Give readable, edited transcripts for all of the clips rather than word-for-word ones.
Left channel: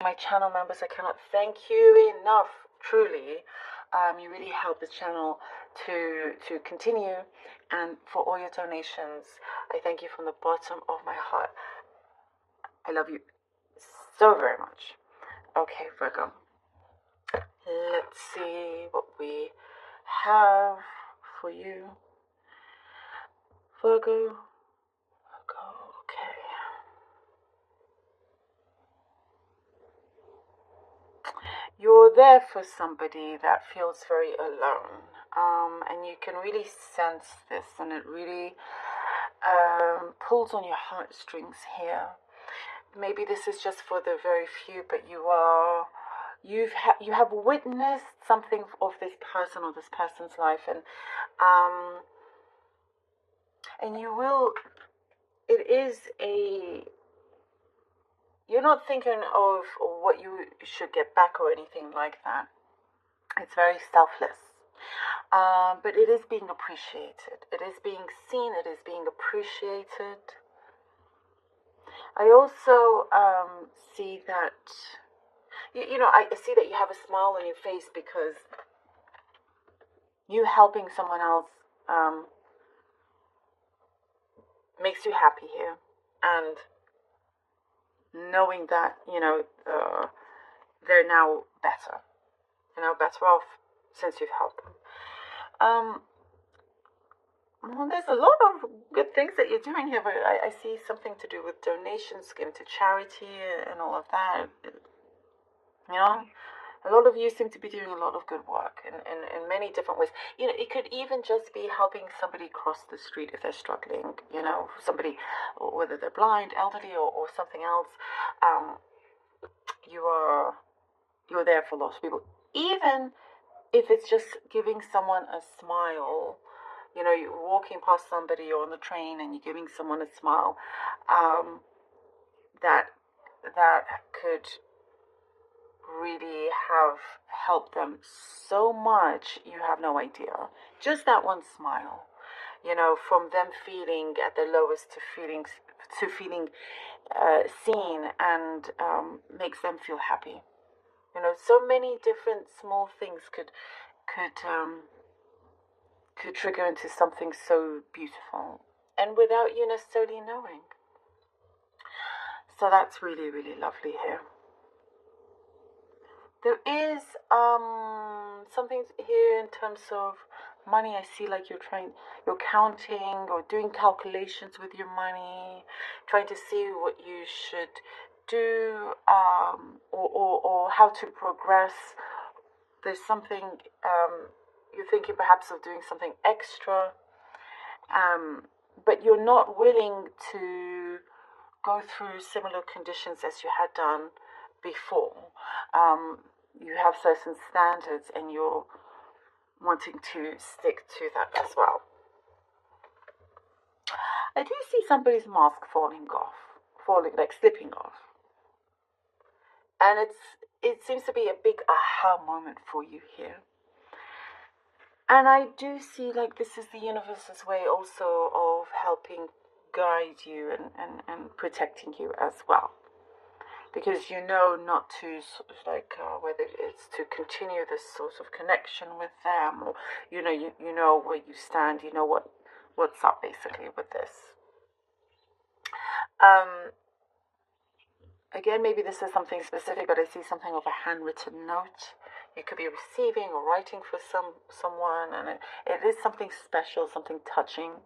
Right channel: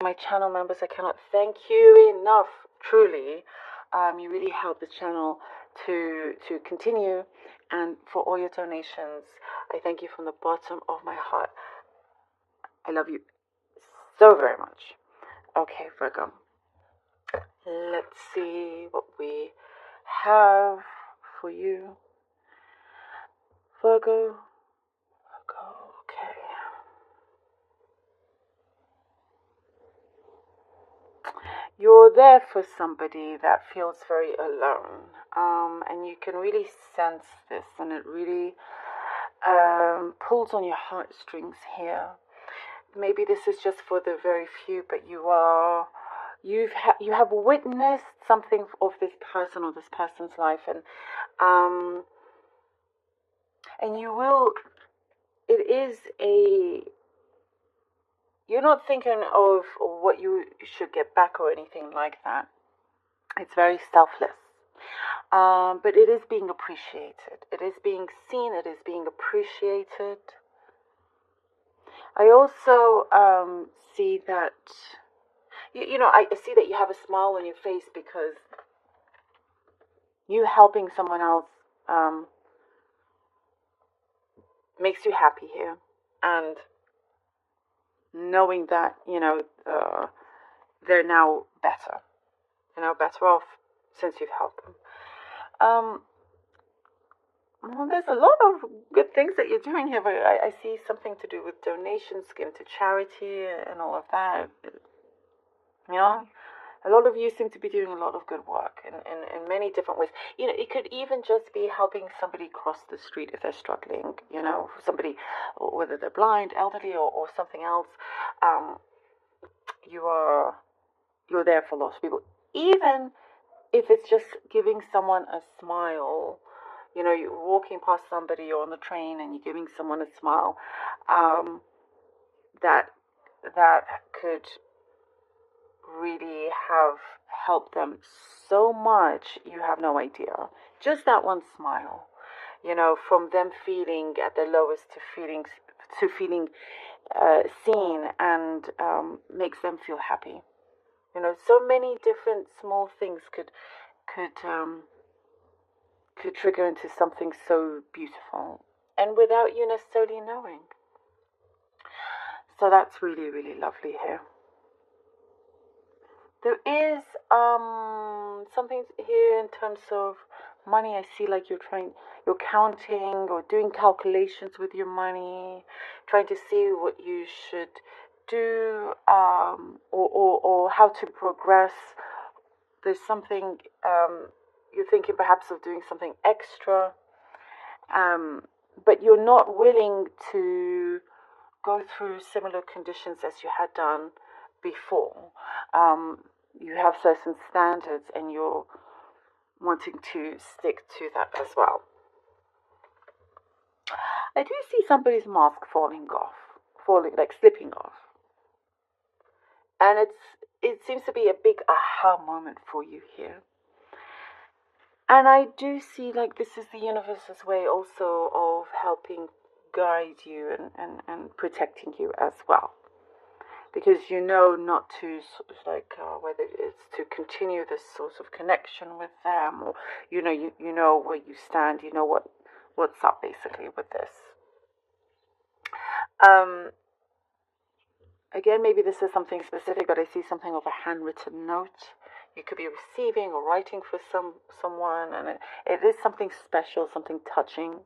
My channel members, I cannot thank you enough, truly. You really help this channel to continue, and for all your donations, I thank you from the bottom of my heart. I love you so very much. Okay, Virgo. Let's see what we have for you. Virgo. Okay. You're there for somebody that feels very alone. And you can really sense this, and it really pulls on your heartstrings here. Maybe this is just for the very few, but you have witnessed something of this person or this person's life, and you will. It is a. You're not thinking of what you should get back or anything like that. It's very selfless. But it is being appreciated. It is being seen. It is being appreciated. I also see that, I see that you have a smile on your face because you helping someone else makes you happy here. And knowing that, they're now better. Better off since you've helped them. Well, there's a lot of good things that you're doing here, but I see something to do with donations, giving to charity, and all of that. A lot of you seem to be doing a lot of good work in many different ways. It could even just be helping somebody cross the street if they're struggling, somebody, whether they're blind, elderly, or something else. You're there for lots of people. Even if it's just giving someone a smile, you're walking past somebody or on the train and you're giving someone a smile, that could really have helped them so much, you have no idea. Just that one smile, from them feeling at their lowest to feeling seen, and makes them feel happy. So many different small things could trigger into something so beautiful, and without you necessarily knowing. So that's really, really lovely here. There is something here in terms of money. I see like you're counting or doing calculations with your money, trying to see what you should do, or how to progress. There's something you're thinking perhaps of doing something extra, but you're not willing to go through similar conditions as you had done before. You have certain standards and you're wanting to stick to that as well. I do see somebody's mask slipping off. And it seems to be a big aha moment for you here. And I do see like this is the universe's way also of helping guide you and protecting you as well. Because not to whether it's to continue this sort of connection with them, or you know where you stand, what's up basically with this. Again, maybe this is something specific, but I see something of a handwritten note. You could be receiving or writing for someone, and it is something special, something touching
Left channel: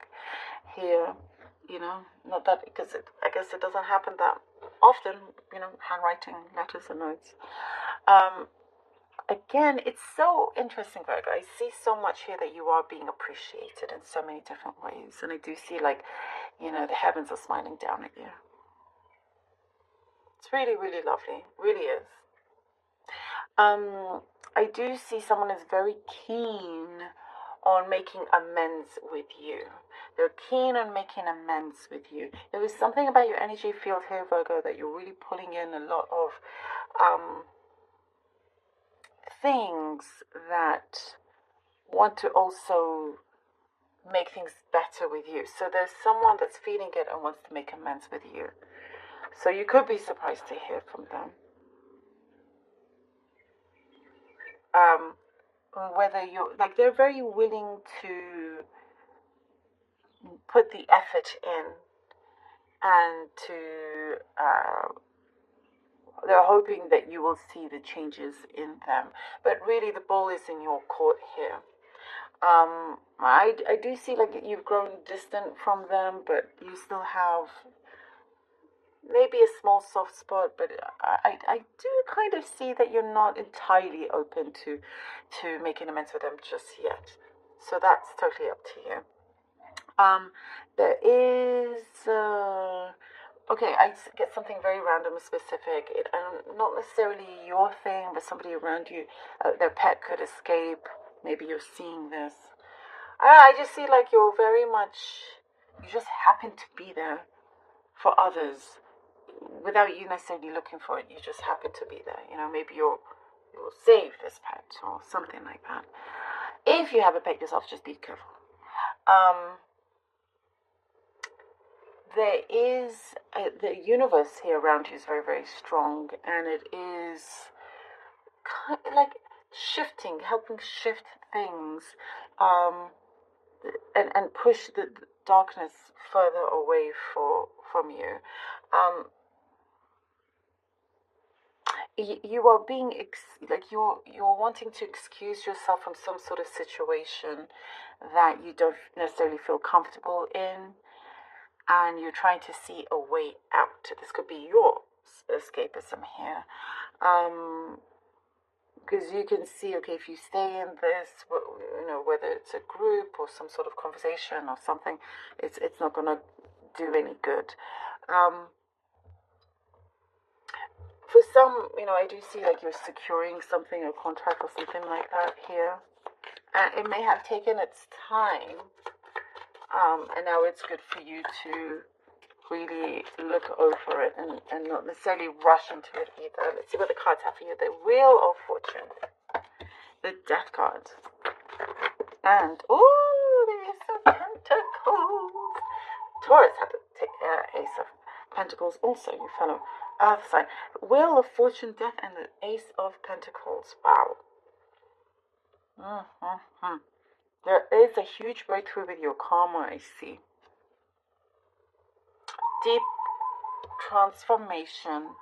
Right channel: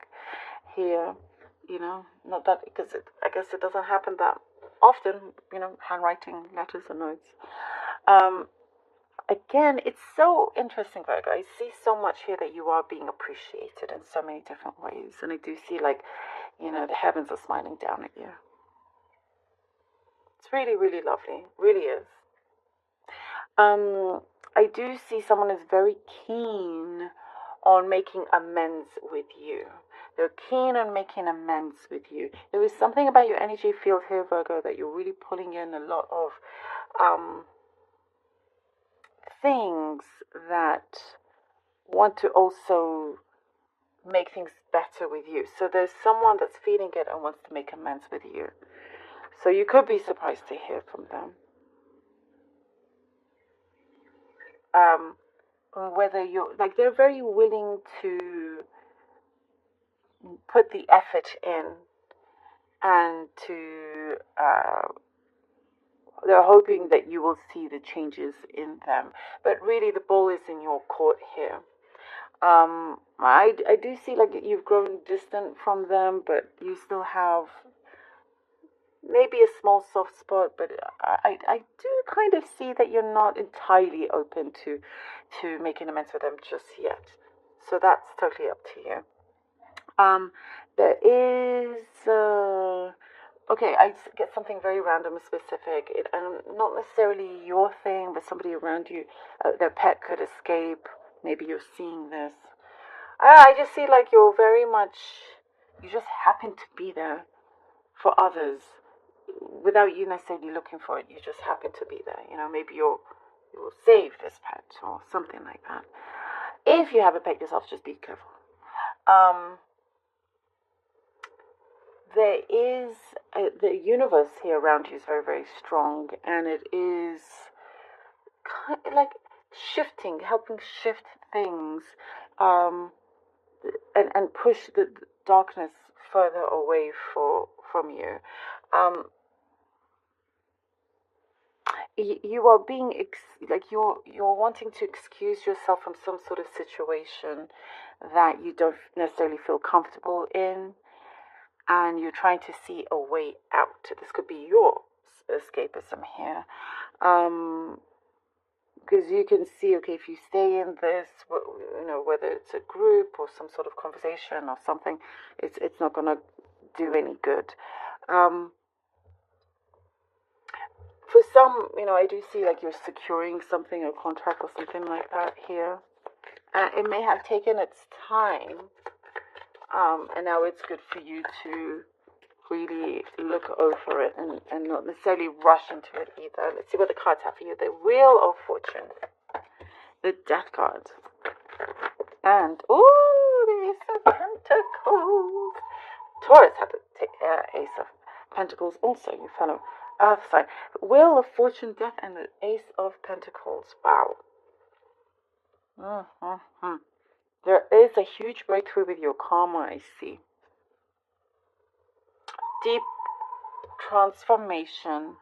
here. Not that, because I guess it doesn't happen that often, handwriting letters and notes. Again, it's so interesting, Virgo. I see so much here that you are being appreciated in so many different ways, and I do see the heavens are smiling down at you. It's really, really lovely, really is. I do see someone is very keen on making amends with you. They're keen on making amends with you. There is something about your energy field here, Virgo, that you're really pulling in a lot of things that want to also make things better with you. So there's someone that's feeling it and wants to make amends with you. So you could be surprised to hear from them. whether you're like, they're very willing to put the effort in and to they're hoping that you will see the changes in them. But really, the ball is in your court here. I do see like you've grown distant from them, but you still have maybe a small soft spot. But I do kind of see that you're not entirely open to making amends with them just yet. So that's totally up to you. There is okay, I get something very random and specific. And not necessarily your thing, but somebody around you, their pet could escape. Maybe you're seeing this. I just see like you're very much, you just happen to be there for others without you necessarily looking for it. You just happen to be there. You know, maybe you'll save this pet or something like that. If you have a pet yourself, just be careful. There is the universe here around you is very, very strong, and it is kind of like shifting, helping shift things, and push the darkness further away from you. You are being like you're wanting to excuse yourself from some sort of situation that you don't necessarily feel comfortable in, and you're trying to see a way out. This could be your escapism here. Because you can see, okay, if you stay in this, you know, whether it's a group or some sort of conversation or something, it's not going to do any good. For some, you know, I do see like you're securing something, a contract or something like that here. And it may have taken its time, and now it's good for you to really look over it and not necessarily rush into it either. Let's see what the cards have for you. The Wheel of Fortune, the Death card, and the Ace of Pentacles. Taurus had the Ace of Pentacles also, you fellow Earth sign. Wheel of Fortune, Death, and the Ace of Pentacles. Wow. There is a huge breakthrough with your karma, I see. Deep transformation,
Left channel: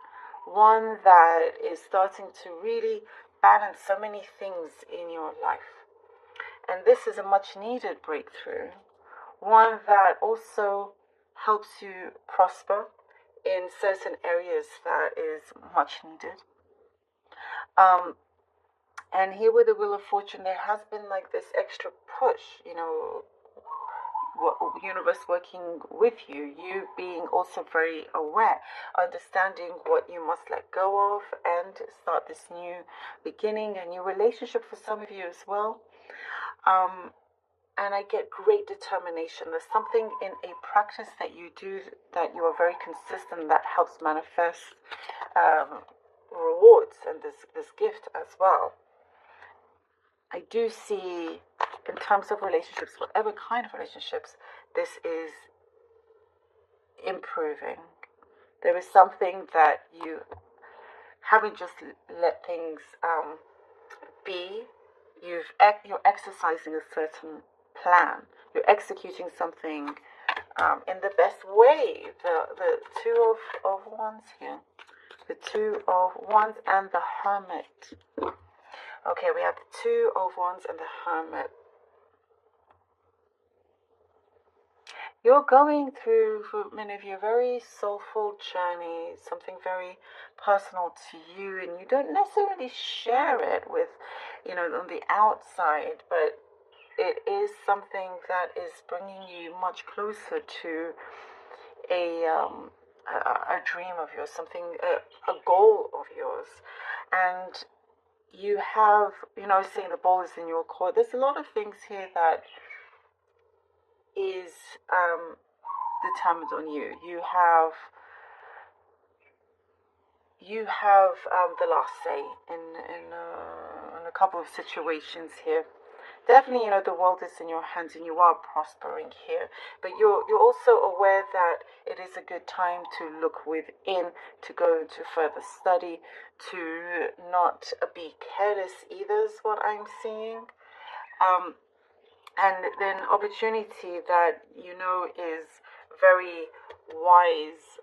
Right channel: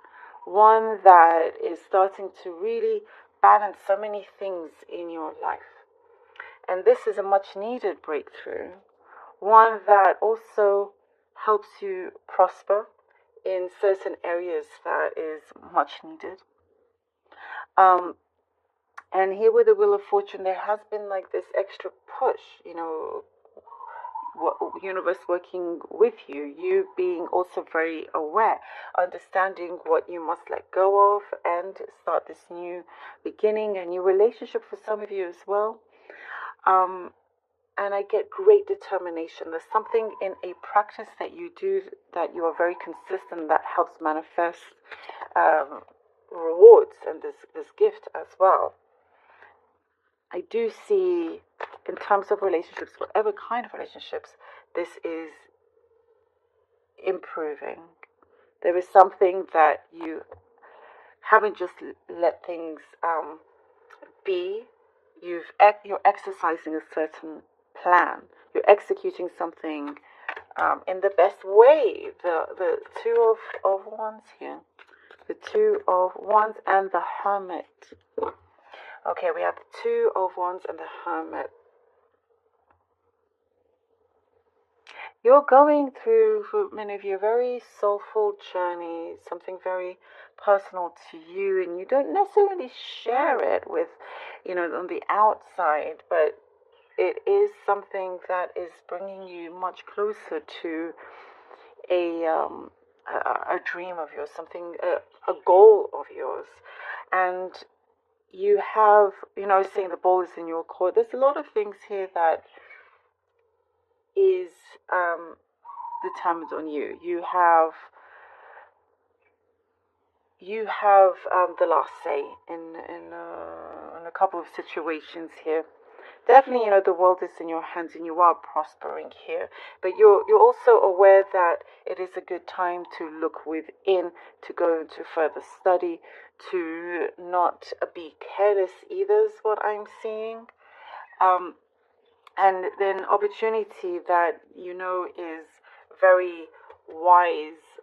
one that is starting to really balance so many things in your life. And this is a much needed breakthrough, one that also helps you prosper in certain areas that is much needed. And here with the Wheel of Fortune, there has been like this extra push, you know, universe working with you, you being also very aware, understanding what you must let go of and start this new beginning, a new relationship for some of you as well. And I get great determination. There's something in a practice that you do that you are very consistent, that helps manifest rewards and this gift as well. I do see, in terms of relationships, whatever kind of relationships, this is improving. There is something that you haven't just let things be. You're exercising a certain plan. You're executing something in the best way. The Two of Wands here. The Two of Wands and the Hermit. Okay, we have the Two of Wands and the Hermit. You're going through, for many of you, a very soulful journey, something very personal to you, and you don't necessarily share it with, you know, on the outside, but it is something that is bringing you much closer to a dream of yours, something, a goal of yours. And you have, you know, saying the ball is in your court. There's a lot of things here that is determined on you. You have the last say in a couple of situations here. definitely, the world is in your hands and you are prospering here. But you're also aware that it is a good time to look within, to go into further study, to not be careless either, is what I'm seeing. And then opportunity that is very wise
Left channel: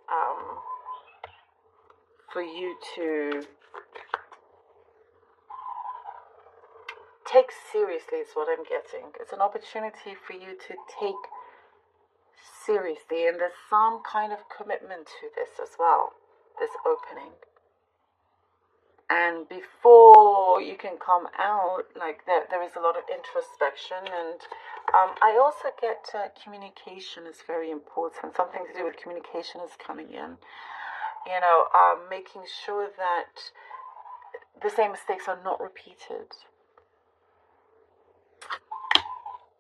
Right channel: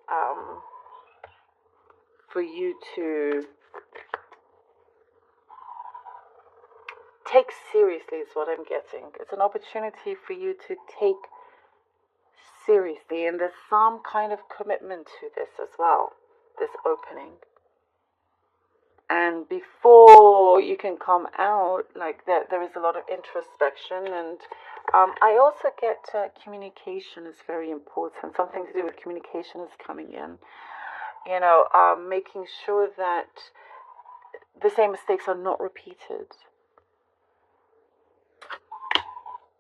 for you to take seriously is what I'm getting. It's an opportunity for you to take seriously, and there's some kind of commitment to this as well, this opening. And before you can come out, like there is a lot of introspection, and I also get communication is very important. Something to do with communication is coming in. Making sure that the same mistakes are not repeated.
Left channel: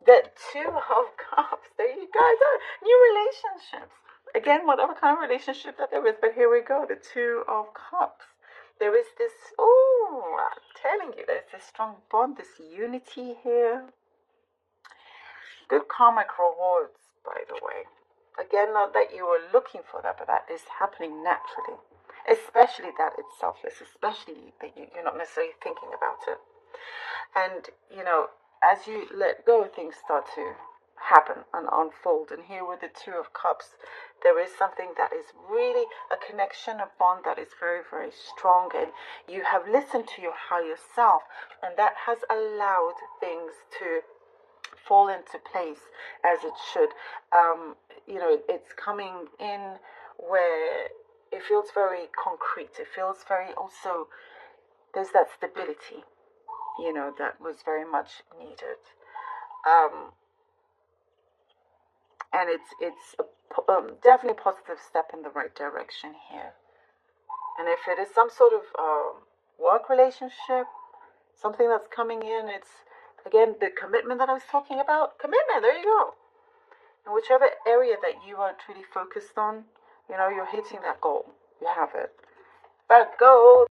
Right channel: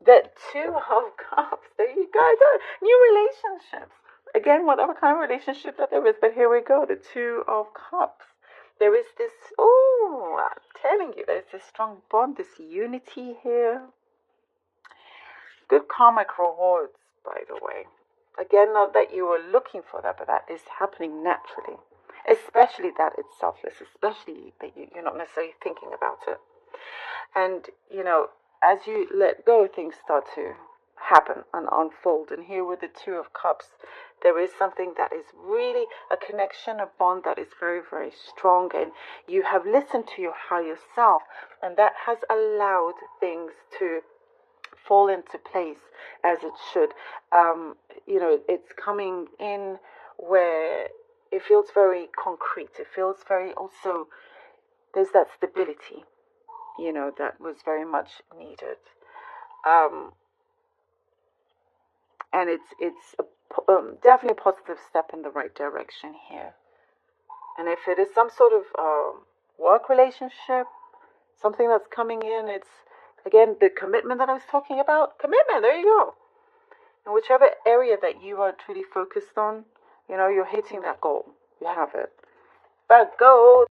The Two of Cups. There you go. New relationships. Again, whatever kind of relationship that there is, but here we go. The Two of Cups. There is this, I'm telling you, there's this strong bond, this unity here. Good karmic rewards, by the way. Again, not that you were looking for that, but that is happening naturally. Especially that it's selfless, especially that you're not necessarily thinking about it. And, as you let go, things start to happen and unfold. And here with the Two of Cups, there is something that is really a connection, a bond that is very, very strong. And you have listened to your higher self, and that has allowed things to fall into place as it should. It's coming in where it feels very concrete. It feels very also, there's that stability, that was very much needed. And it's definitely a positive step in the right direction here. And if it is some sort of work relationship, something that's coming in, it's, again, the commitment that I was talking about. Commitment, there you go. And whichever area that you are truly focused on, you're hitting that goal. You have it. But go.